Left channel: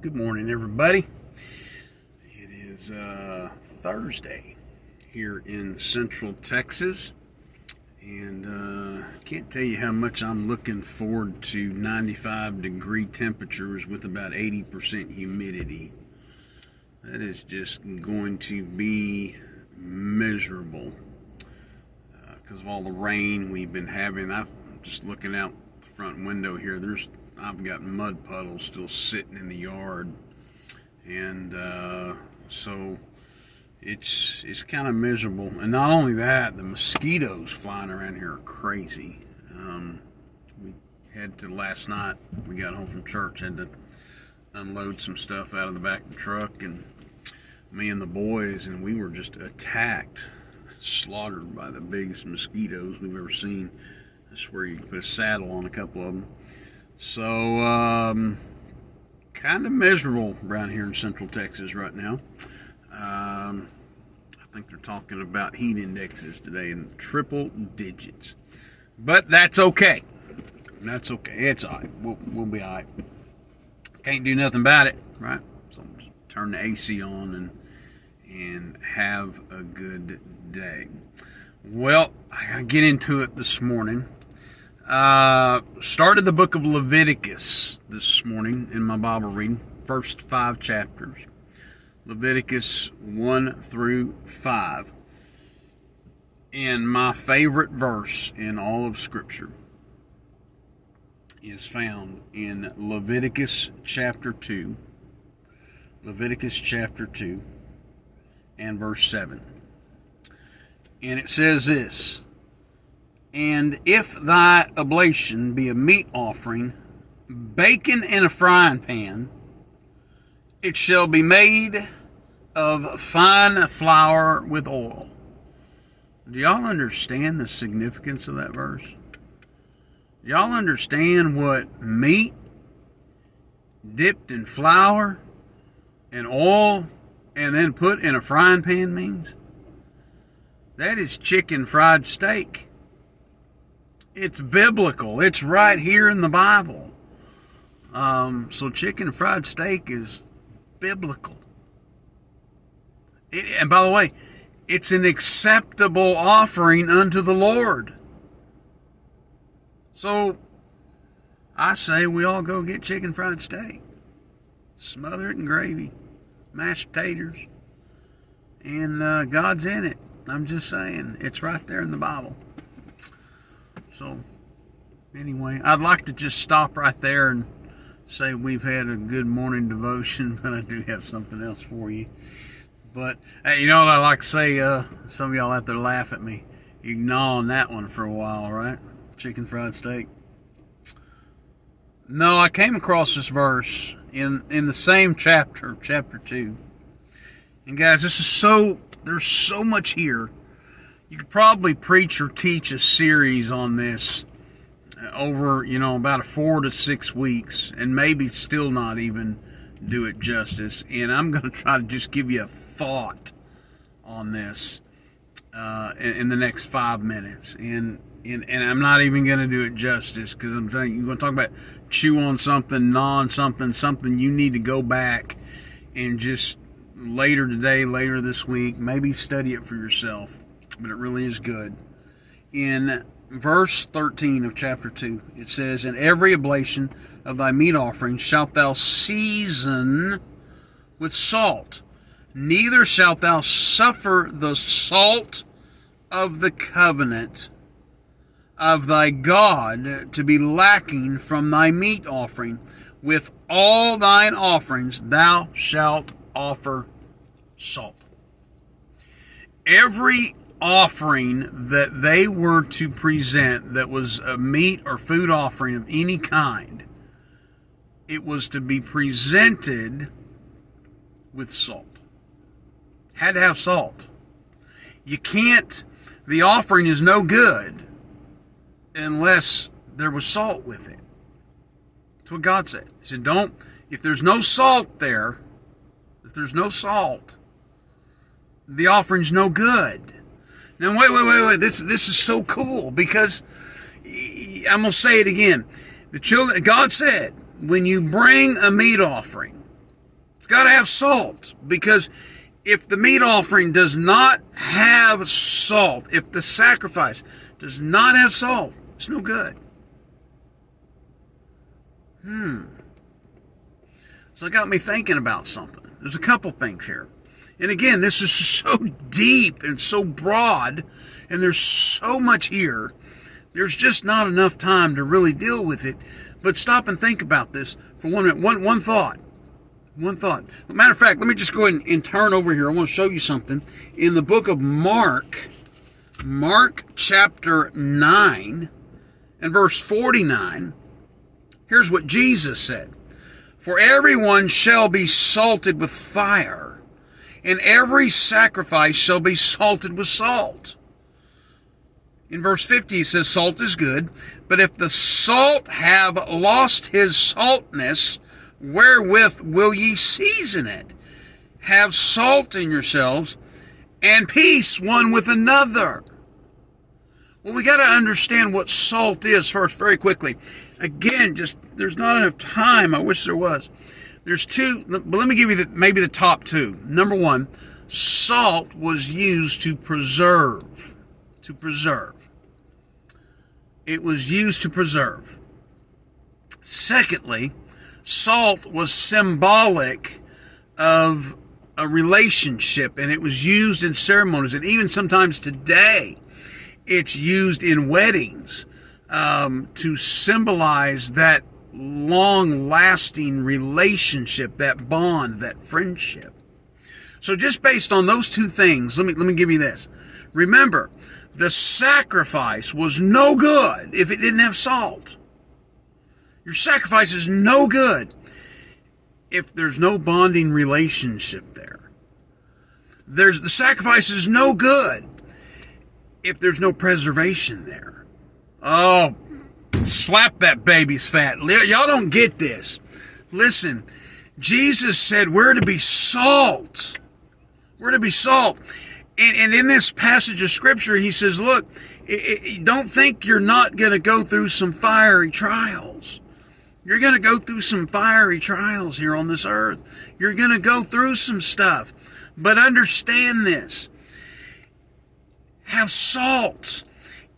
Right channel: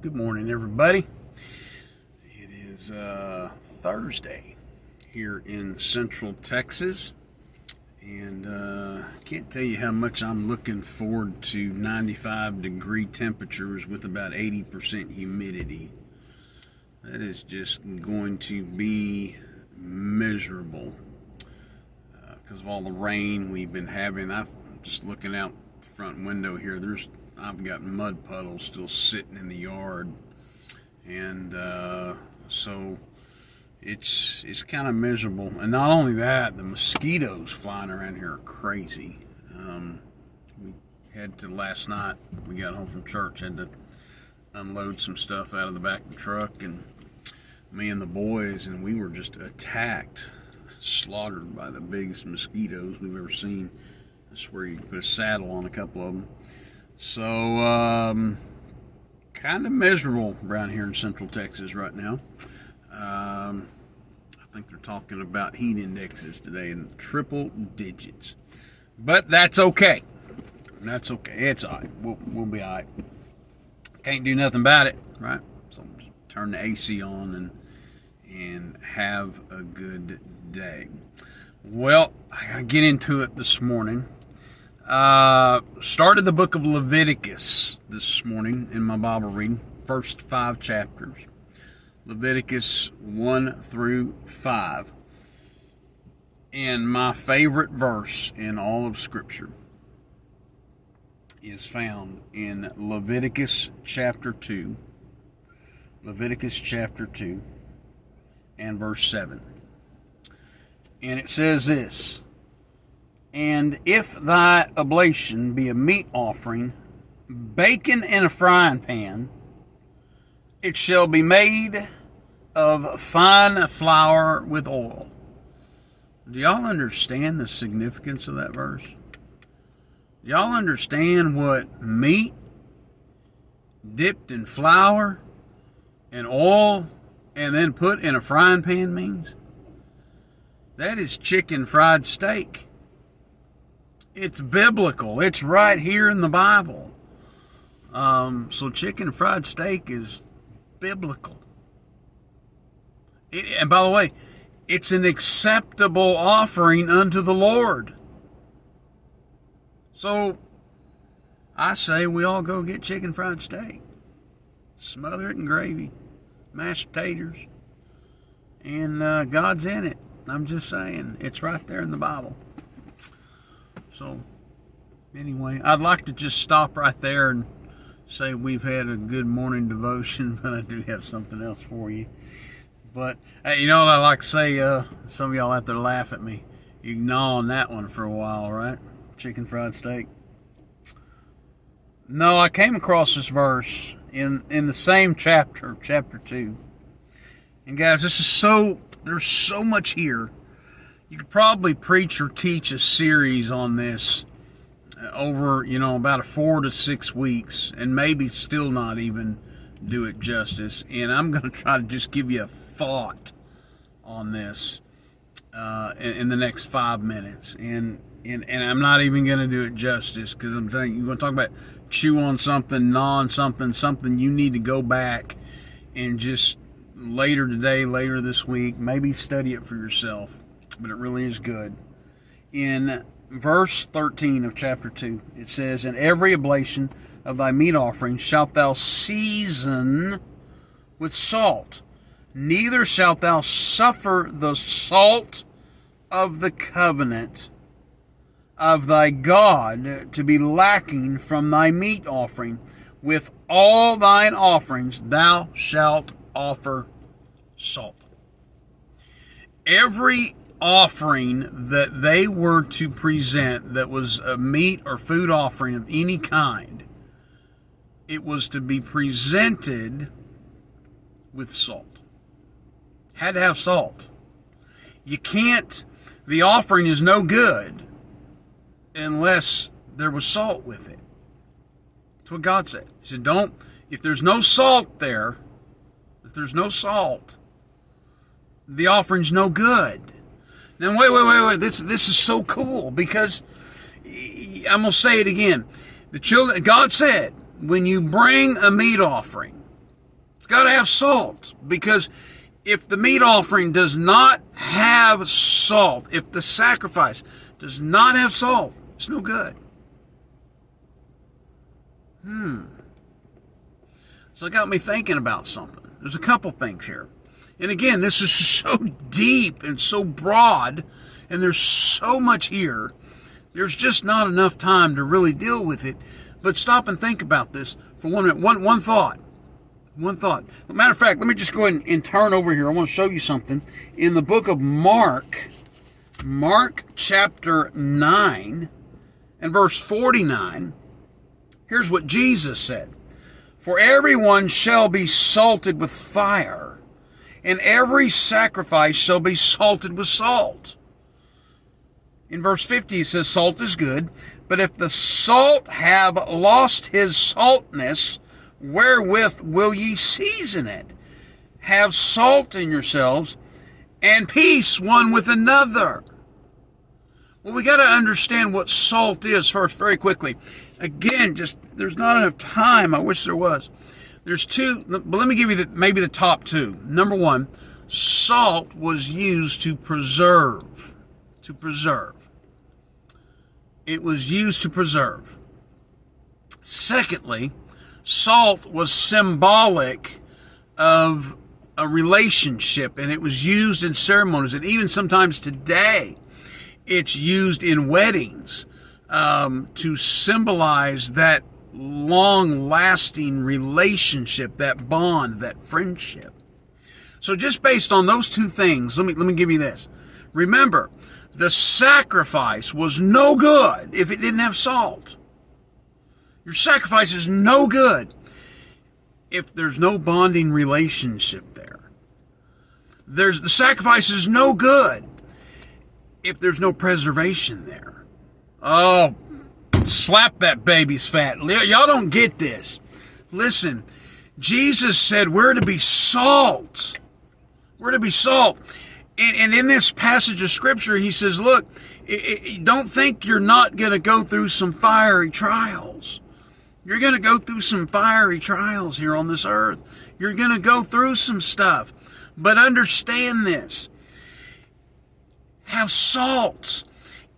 Good morning, everybody. It is Thursday here in Central Texas, and can't tell you how much I'm looking forward to 95-degree temperatures with about 80% humidity. That is just going to be miserable because of all the rain we've been having. I'm just looking out the front window here. I've got mud puddles still sitting in the yard, and so it's kind of miserable. And not only that, the mosquitoes flying around here are crazy. We had to last night. We got home from church, had to unload some stuff out of the back of the truck, and me and the boys, and we were just attacked, slaughtered by the biggest mosquitoes we've ever seen. I swear you could put a saddle on a couple of them. So, kind of miserable around here in Central Texas right now. I think they're talking about heat indexes today in triple digits. But that's okay. That's okay. It's all right. We'll be all right. Can't do nothing about it, right? So just turn the AC on and have a good day. Well, I gotta get into it this morning. Started the book of Leviticus this morning in my Bible reading. First 5 chapters. Leviticus 1 through 5. And my favorite verse in all of Scripture is found in Leviticus chapter 2. Leviticus chapter 2 and verse 7. And it says this: "And if thy oblation be a meat offering, baken in a frying pan, it shall be made of fine flour with oil." Do y'all understand the significance of that verse? Do y'all understand what meat dipped in flour and oil and then put in a frying pan means? That is chicken fried steak. It's biblical. It's right here in the Bible. So chicken fried steak is biblical. And by the way, it's an acceptable offering unto the Lord. So I say we all go get chicken fried steak. Smother it in gravy, mashed potatoes, and God's in it. I'm just saying, it's right there in the Bible. So, anyway, I'd like to just stop right there and say we've had a good morning devotion, but I do have something else for you. But, hey, you know what I like to say? Some of y'all out there laugh at me. You can gnaw on that one for a while, right? Chicken fried steak. No, I came across this verse in the same chapter 2. And guys, there's so much here. You could probably preach or teach a series on this over, about 4 to 6 weeks, and maybe still not even do it justice. And I'm going to try to just give you a thought on this in the next 5 minutes. And I'm not even going to do it justice, because I'm telling you, you're going to talk about chew on something, gnaw on something you need to go back and just later today, later this week, maybe study it for yourself. But it really is good. In verse 13 of chapter 2, it says, "And every oblation of thy meat offering shalt thou season with salt. Neither shalt thou suffer the salt of the covenant of thy God to be lacking from thy meat offering. With all thine offerings thou shalt offer salt." Every offering that they were to present that was a meat or food offering of any kind, it was to be presented with salt. Had to have salt. The offering is no good unless there was salt with it. That's what God said. He said, if there's no salt there, the offering's no good. Now, wait. This is so cool, because I'm going to say it again. God said, when you bring a meat offering, got to have salt, because if the meat offering does not have salt, if the sacrifice does not have salt, it's no good. So it got me thinking about something. There's a couple things here. And again, this is so deep and so broad, and there's so much here. There's just not enough time to really deal with it. But stop and think about this for 1 minute. One thought. One thought. Matter of fact, let me just go ahead and turn over here. I want to show you something. In the book of Mark chapter 9 and verse 49, here's what Jesus said. For everyone shall be salted with fire, and every sacrifice shall be salted with salt. In verse 50, he says, salt is good, but if the salt have lost his saltness, wherewith will ye season it? Have salt in yourselves, and peace one with another. Well, we got to understand what salt is first, very quickly. Again, there's not enough time. I wish there was. There's two, but let me give you maybe the top two. Number one, salt was used to preserve. To preserve. It was used to preserve. Secondly, salt was symbolic of a relationship, and it was used in ceremonies, and even sometimes today it's used in weddings to symbolize that long-lasting relationship, that bond, that friendship. So just based on those two things, let me give you this. Remember, the sacrifice was no good if it didn't have salt. Your sacrifice is no good if there's no bonding relationship there. The sacrifice is no good if there's no preservation there. Oh, slap that baby's fat. Y'all don't get this. Listen, Jesus said we're to be salt. We're to be salt. And in this passage of Scripture, he says, look, don't think you're not going to go through some fiery trials. You're going to go through some fiery trials here on this earth. You're going to go through some stuff. But understand this. Have salt.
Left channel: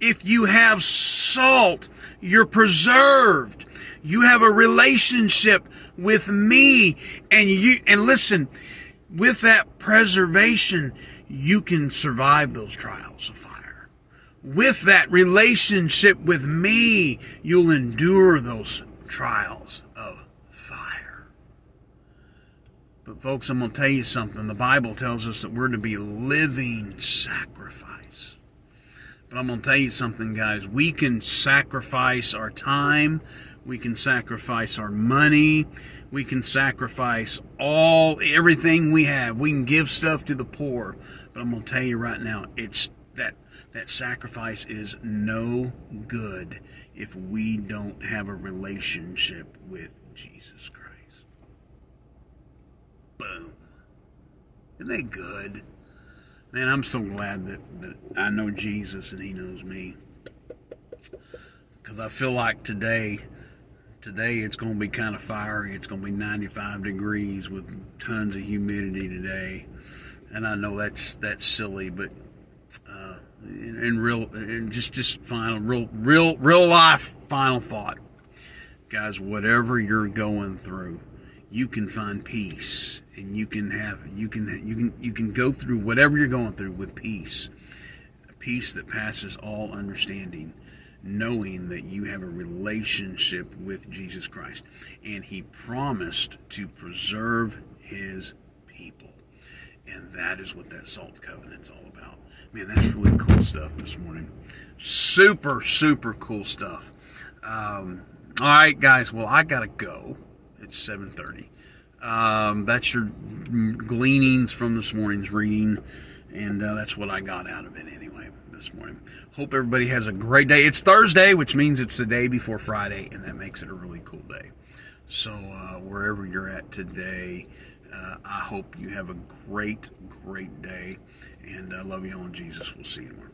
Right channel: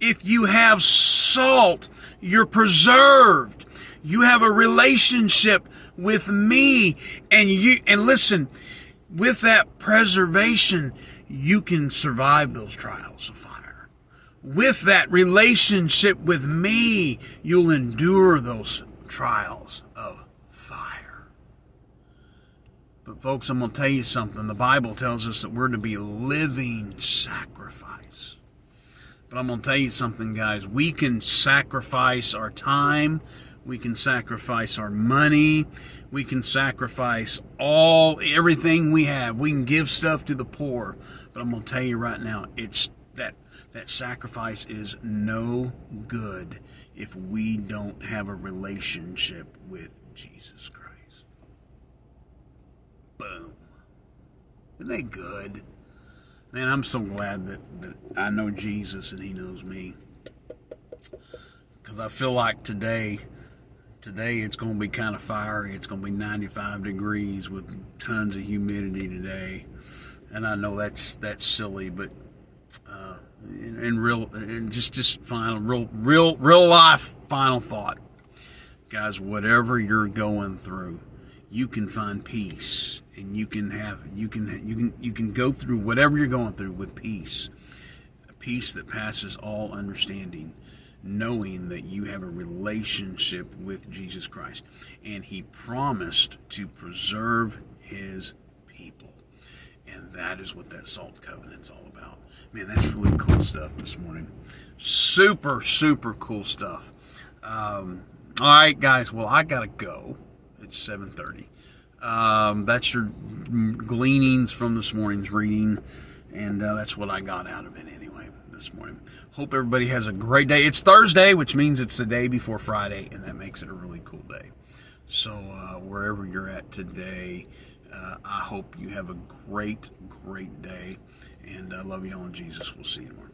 If you have salt, you're preserved. You have a relationship with me. And listen, with that preservation, you can survive those trials of fire. With that relationship with me, you'll endure those trials of fire. But folks, I'm going to tell you something. The Bible tells us that we're to be living sacrifice. But I'm going to tell you something, guys. We can sacrifice our time. We can sacrifice our money. We can sacrifice everything we have. We can give stuff to the poor. But I'm going to tell you right now, it's that sacrifice is no good if we don't have a relationship with Jesus Christ. Boom. Isn't that good? Man, I'm so glad that I know Jesus and he knows me. Because I feel like today it's going to be kind of fiery. It's going to be 95 degrees with tons of humidity today. And I know that's silly, but real life final thought, guys. Whatever you're going through, you can find peace, and you can go through whatever you're going through with peace, a peace that passes all understanding, knowing that you have a relationship with Jesus Christ, and He promised to preserve His people. And that is what that salt covenant's all about. Man, that's really cool stuff this morning. Super, super cool stuff. All right, guys. Well, I got to go. It's 7:30. That's your gleanings from this morning's reading. And that's what I got out of it anyway this morning. Hope everybody has a great day. It's Thursday, which means it's the day before Friday. And that makes it a really cool day. So wherever you're at today, I hope you have a great, great day. And I love you all in Jesus. We'll see you tomorrow.